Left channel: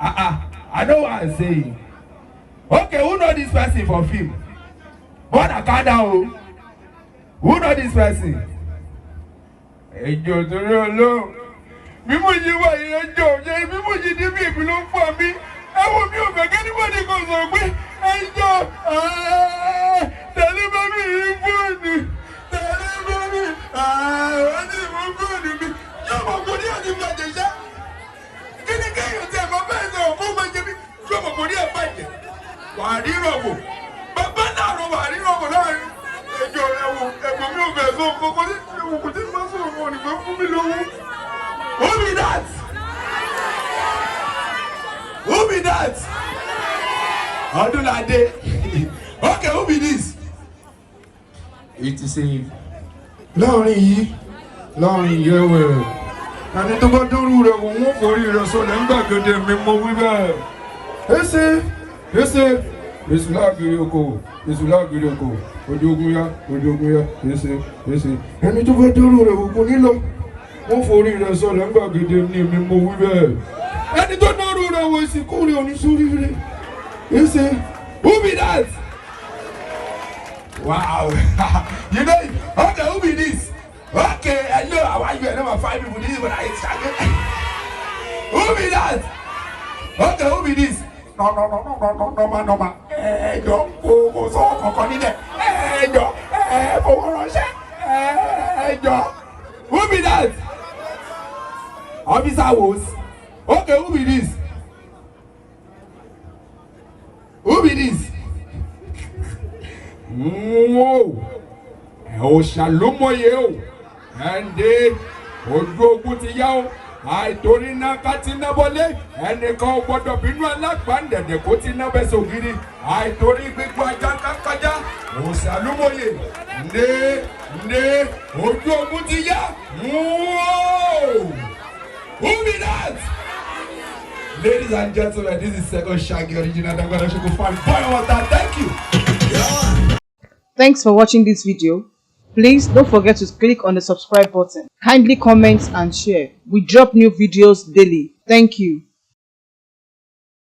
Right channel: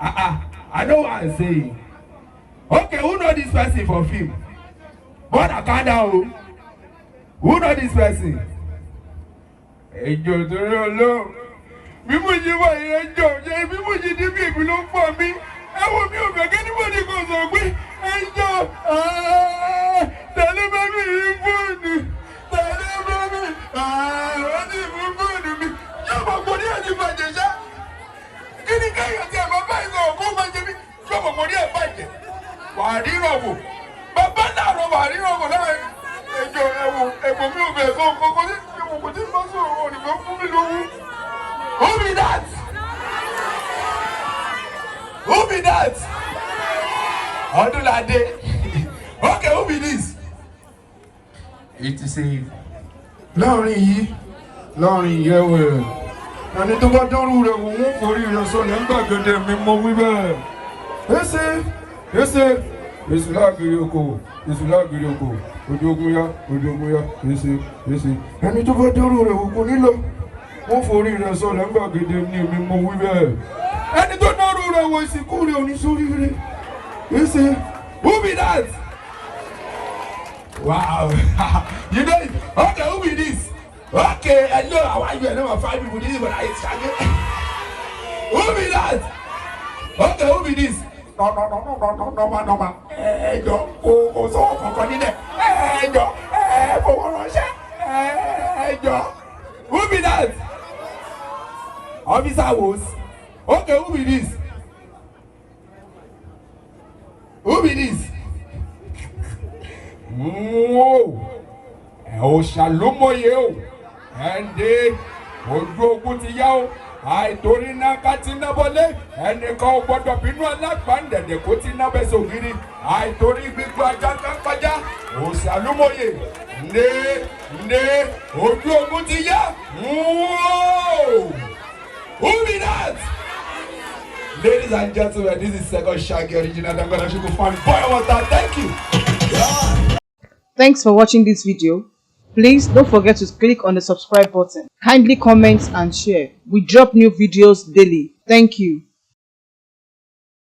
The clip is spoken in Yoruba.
I know what I'm saying. Okay, who know this person for film? But I can't know. Who know this person? Ẹjọ́ tó rọ lọ. Bí mo ṣe wà yẹn ẹjọ́ ṣe bí mo ṣe dé bí èmi ló ń fọ mi. Ẹ wo mi ò fẹ́ kẹ́nìbọ̀dì kan sọ pé ẹjọ́ tẹ̀lé bá mi rí fóònù. Tẹ̀lé bá mi wọ́n ti mú fóònù mi. Yóò mọ̀ kò ní àti bàjẹ́ ṣá. Kí ni kéèyàn tí ẹ̀ bá bá ẹ̀ sọ̀rọ̀ fún bàjẹ́ mi? Yóò mọ̀ kò ní ẹ̀ bàjẹ́. Wàá rí rọ̀bù. Bàbá náà lọ wàá rí rọ̀bù láàrin. Ẹjọ́ ẹ̀wọ̀n mi ò fẹ́ sọ kókó ní ìwòkó tí mo bá sọ̀rọ̀ wọn nìkan fún mi lówó. Who be that? Who be that? Odunlade. Okay, who be this? It is a láàrin yẹ̀wẹ̀. Àní tó bá dọ́rù rẹ̀ wọ́n forí rẹ̀ sọ̀rọ̀ nígbà gẹ́gẹ́ mi mọ wíwẹ̀. Èsè èsù láàgìrì oko ojú ogun ya èsè ẹni tó bá dọ́rù rẹ̀ wọ́n nílò wọ́n forí rẹ̀ sọ̀rọ̀ nígbà gẹ́gẹ́ mi mọ wíwẹ̀. Ẹni tó dọ́rù rẹ̀ wọ́n ìsìnkú rẹ̀ oníṣòrí rẹ̀ èsè. Who be that? Wow. You know it? Okay, who be this? Okay, hello, how are you? I never find people this, but I started. Who be that? Okay, who be this? No, man. Go, so, who be that? Officer was. Okay, who be this? Who be this? Whoa. Oh, shalom, yo. And they ojú ogun ti yá o àìtorí náà ká ti ná bọ́lé ẹnìkan ò gbọ́dọ̀ bínú alágbàndẹ̀dẹ̀ kó ti ná bẹ́sẹ̀ ògiri àìtorí gbígbó ajá kákájá òsàlùmọ̀yè ndé ojú ogun ti yá. Who be that? Ladies and gentlemen, this is second Shaggi original. I'm gonna show you fun. Boy, what's that? Thank you. Thanks for watching this video. Please don't forget to click on the subscribe button. Kindly comment and share. We drop new videos daily. Thank you.